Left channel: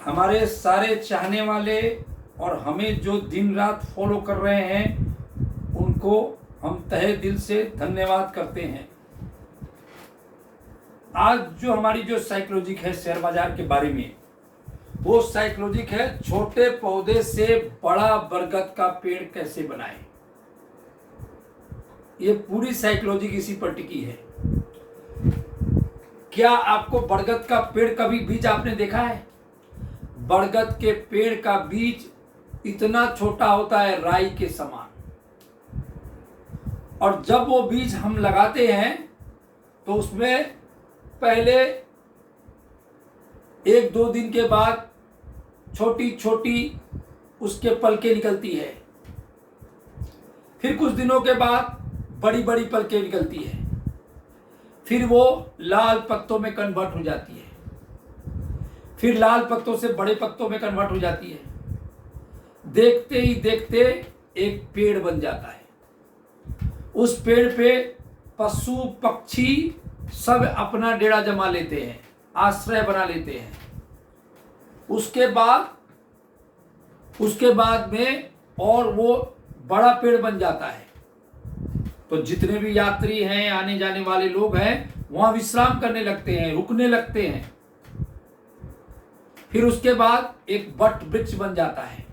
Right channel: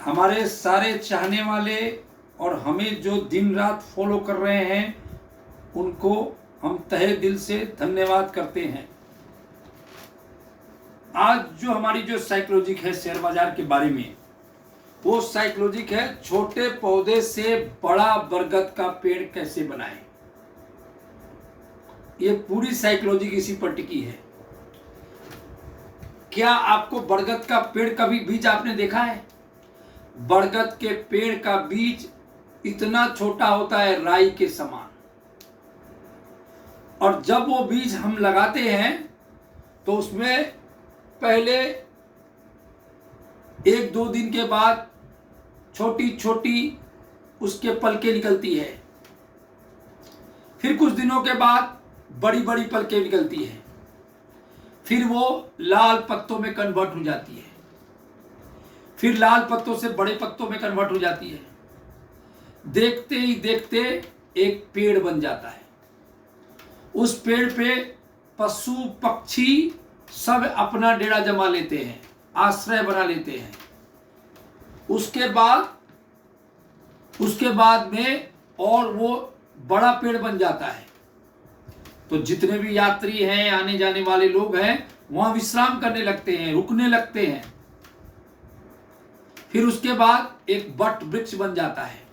हमारे सारे चाहने वाले और हमें जो दिन रात फॉलो कर रहे हैं उनको हम तहे दिल से धन्यवाद करते हैं। आज जो हमारी जो साइकोलॉजिक है शेयर बाजार के बारे में, वो साइकोलॉजिक है छोटे पौधे से बड़ा बरगद का पेड़ कैसे बनाएं। ये पूरी साइकोलॉजिक इसी पर टिकी है। क्या आपको बरगद का पेड़ कभी बीज आपने देखा है? बरगद के पेड़ का बीज इतना छोटा होता है राई के समान, और जब वो बीज हम लगाते हैं तो उसमें पहले 1-2 दिन के बाद छोटी छोटी उसके पलकें निकलती है, फिर कुछ दिनों के बाद बड़ी बड़ी पलकें निकलती है, फिर वो लाल पत्तों में कन्वर्ट हो जाती है, फिर लाल पत्तों से बड़े पत्तों में कन्वर्ट हो जाती है। देखते ही देखते एक पेड़ बन जाता है। उस पेड़ पे पशु पक्षी सब अपना डेरा जमा लेते हैं, आश्रय बना लेते हैं। उसके बाद में और वो बड़ा पेड़ बन जाता है। तो जितने भी यात्री हैं, आने जाने वाले लोग हैं, वहां विश्राम करने लगते हैं, रुकने लगते हैं। फिर उसके बाद एक वट वृक्ष बन जाता है।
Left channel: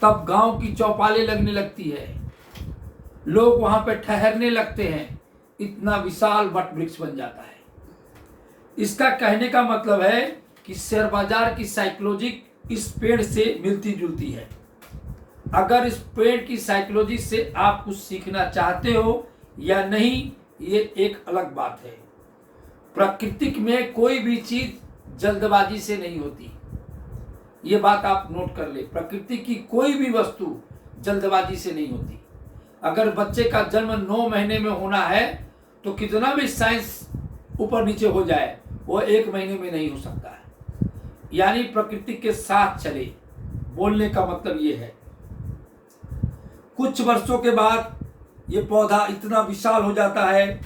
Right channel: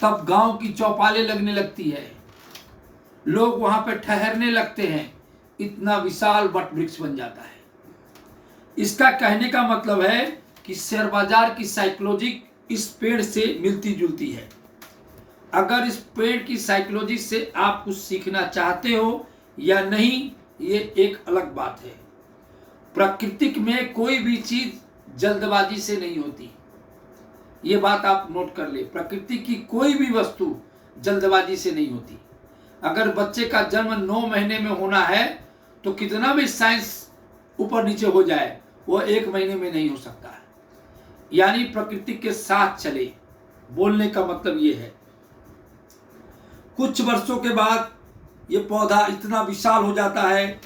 तब गांव की चौपालें लगने लगती है, लोग वहां पे ठहरने लगते हैं। इतना विशाल वट वृक्ष बन जाता है। इसका कहने का मतलब है कि शेयर बाजार की साइकोलॉजी इस पेड़ से मिलती जुलती है। अगर इस पेड़ की साइकोलॉजी से आप कुछ सीखना चाहते हो या नहीं, ये एक अलग बात है। प्रकृति में कोई भी चीज जल्दबाजी से नहीं होती, ये बात आप नोट कर ले। प्रकृति की कोई भी वस्तु जल्दबाजी से नहीं होती। अगर बच्चे का जन्म 9 महीने में होना है तो कितना भी साइंस ऊपर नीचे हो जाए, वो 1 महीने में नहीं हो सकता है। यानी प्रकृति के साथ चले, बोलने का मतलब ये है। कुछ वर्षों के बाद ये पौधा इतना विशाल हो जाता है,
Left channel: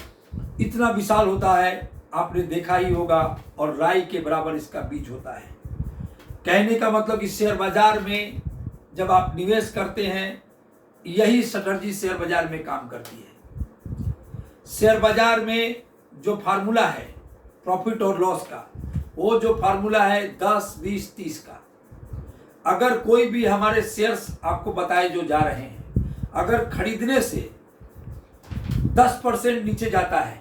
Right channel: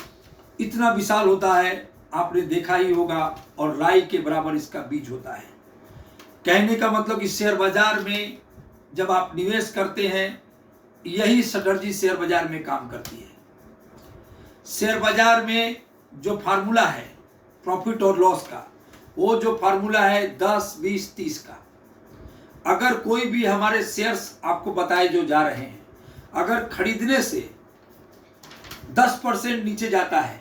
इतना विशाल होता है, आपने देखा ही होगा, और राई के बराबर इसका बीज होता है। कहने का मतलब कि शेयर बाजार में जब आप निवेश करते हैं, यही स्ट्रैटेजी शेयर बाजार में काम करती है। शेयर बाजार में जो फार्मूला है प्रॉफिट और लॉस का, वो जो फार्मूला है 10, 20, 30 का। अगर कोई भी हमारे शेयर्स आपको बताए जो जा रहे हैं, अगर खरीदने से 10% नीचे जाता है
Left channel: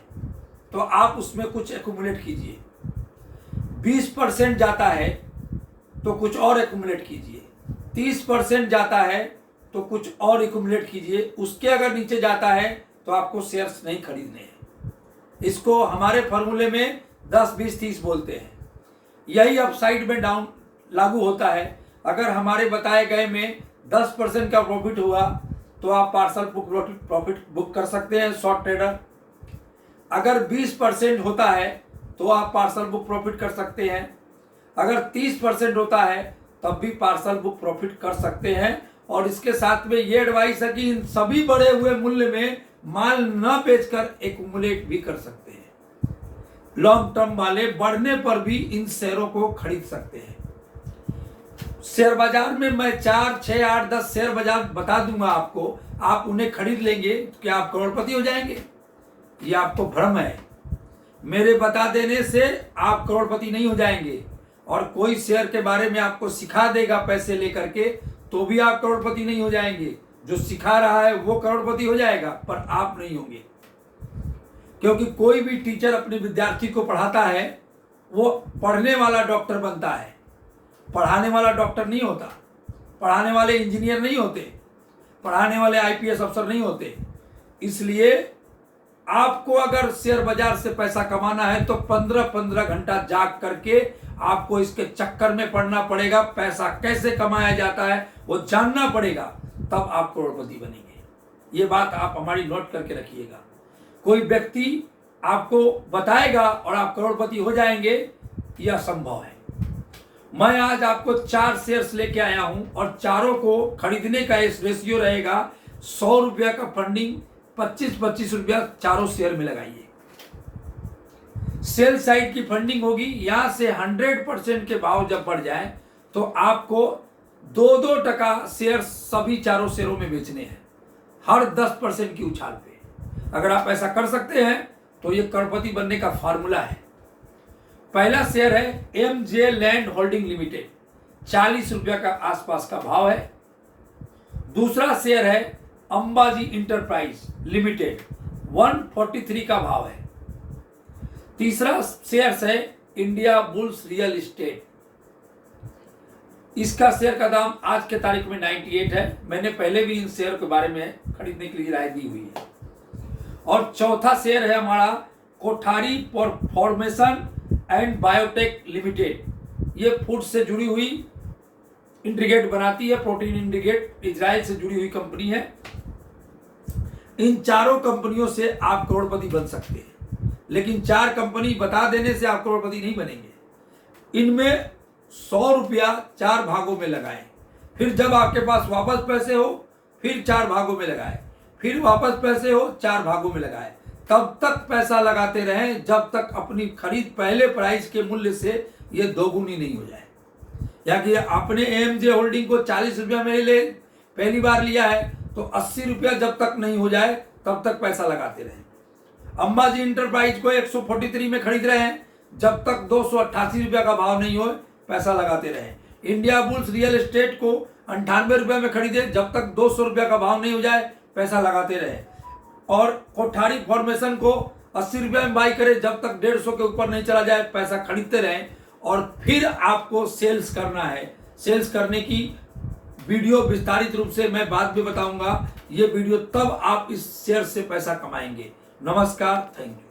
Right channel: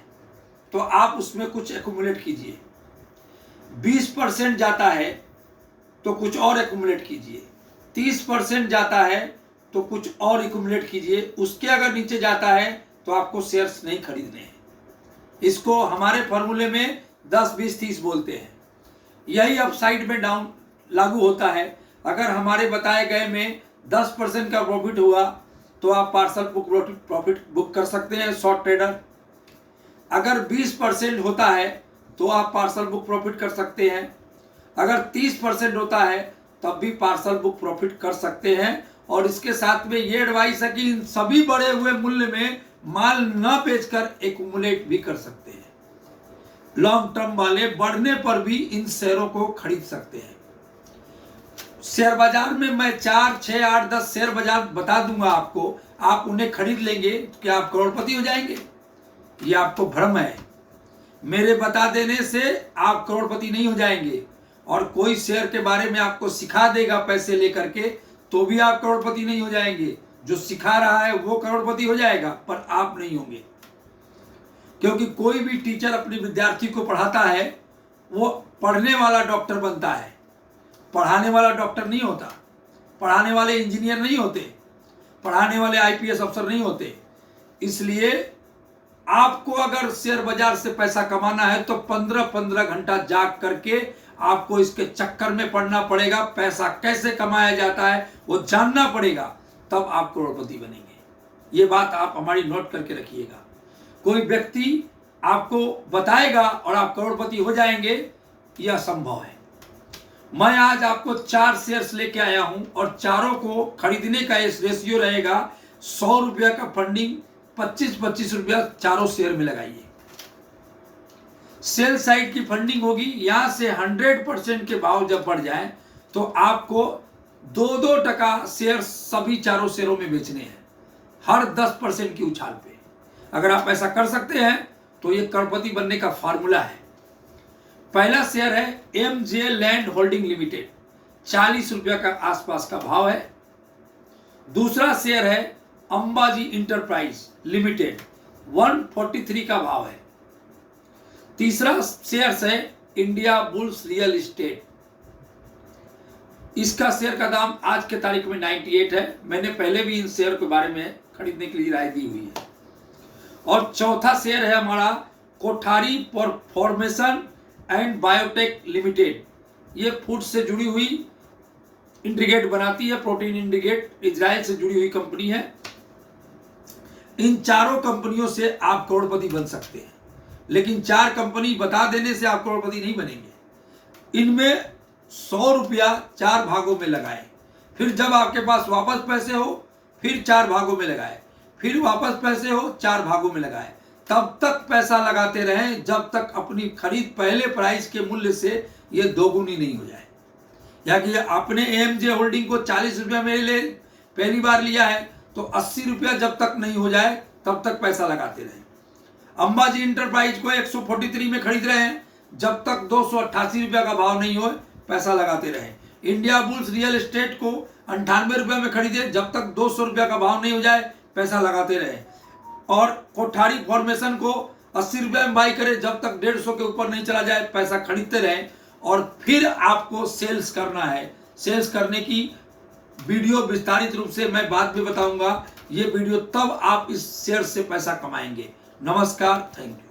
तो आप उसमें कुछ एक्यूमुलेट कीजिए। 20% जाता है तो कुछ और एक्यूमुलेट कीजिए। 30% जाता है तो कुछ और एक्यूमुलेट कीजिए। उसके अगर नीचे जाता है तो आपको शेयर्स नहीं खरीदने हैं। इसको हमारे फॉर्मूले में 10, 20, 30 बोलते हैं। यही अपसाइड में डाउन लागू होता है। अगर हमारे बताए गए में 10% का प्रॉफिट हुआ तो आप पार्सल बुक प्रॉफिट बुक कर सकते हैं, शॉर्ट ट्रेडर। अगर 20% होता है तो आप पार्सल बुक प्रॉफिट कर सकते हैं। अगर 30% होता है तब भी पार्सल बुक प्रॉफिट कर सकते हैं। और इसके साथ में ये एडवाइस है कि इन सभी बढ़े हुए मूल्य में माल न बेचकर एक्यूमुलेट भी कर सकते हैं। लॉन्ग टर्म वाले बढ़ने पर भी इन शेयरों को खरीद सकते हैं। शेयर बाजार में मैं 4, 6, 8, 10 शेयर बाजार बता दूंगा आपको, आप उन्हें खरीद लेंगे, क्या आप करोड़पति हो जाएंगे? ये आपको भ्रम है। मेरे बता देने से आप करोड़पति नहीं हो जाएंगे। और कोई शेयर के बारे में आपको सिखा देगा पैसे लेकर के, तो भी आप करोड़पति नहीं हो जाएंगे। जो सिखा रहा है वो करोड़पति हो जाएगा, पर आप नहीं होंगे। क्योंकि कोई भी टीचर अपने विद्यार्थी को पढ़ाता है, वो पढ़ने वाला डॉक्टर बनता है, पढ़ाने वाला डॉक्टर नहीं होता। पढ़ाने वाले इंजीनियर नहीं होते, पढ़ाने वाले आईपीएस अफसर नहीं होते। इसलिए आपको अगर शेयर बाजार से पैसा कमाना है तो 15-15 घंटा जाग करके आपको इसके चक्कर में पड़ना पड़ेगा। पैसा कैसे कमाया जाता है वो जानना पड़ेगा, तब आप करोड़पति बनेंगे। ये बात आप हमारी नोट करके रखिएगा। कोई व्यक्ति आपको बताएगा और आप करोड़पति हो जाएंगे, यह संभव है। मैं आज आपको 4 शेयर्स लेके आया हूं और चारों को खरीदने का इस रेशियो रहेगा 100 रुपया का फंडिंग, 25-25 रुपया चारों शेयर में लगाइए। सेल साइड की फंडिंग होगी। यहां से 100% के भाव जब बढ़ जाए तो आपको 2-2 शेयर सभी चारों शेयरों में बेचने हैं, हर 10% की उछाल पे। अगर आप ऐसा कर सकते हैं तो ये करोड़पति बनने का फॉर्मूला है। पहला शेयर है एमजे लैंड होल्डिंग लिमिटेड, 40 रुपया का आसपास का भाव है। दूसरा शेयर है अंबाजी इंटरप्राइज लिमिटेड, 143 का भाव है। तीसरा शेयर है इंडिया बुल्स रियल एस्टेट, इसका शेयर का दाम आज के तारीख में 98 है। मैंने पहले भी इन शेयर के बारे में खरीदने के लिए राय दी हुई है। और चौथा शेयर है हमारा Kothari formation and biotech limited, ये फूड से जुड़ी हुई इंटीग्रेट बनाती है, प्रोटीन इंटीग्रेट, इजराइल से जुड़ी हुई कंपनी है। इन चारों कंपनियों से आप करोड़पति बन सकते हैं, लेकिन 4 कंपनी बता देने से आप करोड़पति नहीं बनेंगे। इनमें 100 रुपया 4 भागों में लगाएं, फिर जब आपके पास वापस पैसे हो फिर 4 भागों में लगाएं, फिर वापस पैसे हो 4 भागों में लगाएं। तब तक पैसा लगाते रहें जब तक अपनी खरीद पहले प्राइस के मूल्य से ये दोगुनी नहीं हो जाए। या कि आपने एमजे होल्डिंग को 40 रुपया में ले पहली बार लिया है तो 80 रुपया जब तक नहीं हो जाए तब तक पैसा लगाते रहें। अंबाजी इंटरप्राइज को 143 में खरीद रहे हैं, जब तक 288 रुपया का भाव नहीं हो पैसा लगाते रहें। इंडिया बुल्स रियल एस्टेट को 98 रुपये में खरीदे, जब तक 200 रुपया का भाव नहीं हो जाए पैसा लगाते रहें। और कोठारी फॉर्मेशन को 80 रुपये में बाई करें, जब तक 150 के ऊपर नहीं चला जाए पैसा खरीदते रहें। और फिर आपको सेल्स करना है। सेल्स करने की वीडियो विस्तारित रूप से मैं बाद में बताऊंगा। ये वीडियो तब आप इस शेयर से पैसा कमाएंगे। नमस्कार, थैंक यू।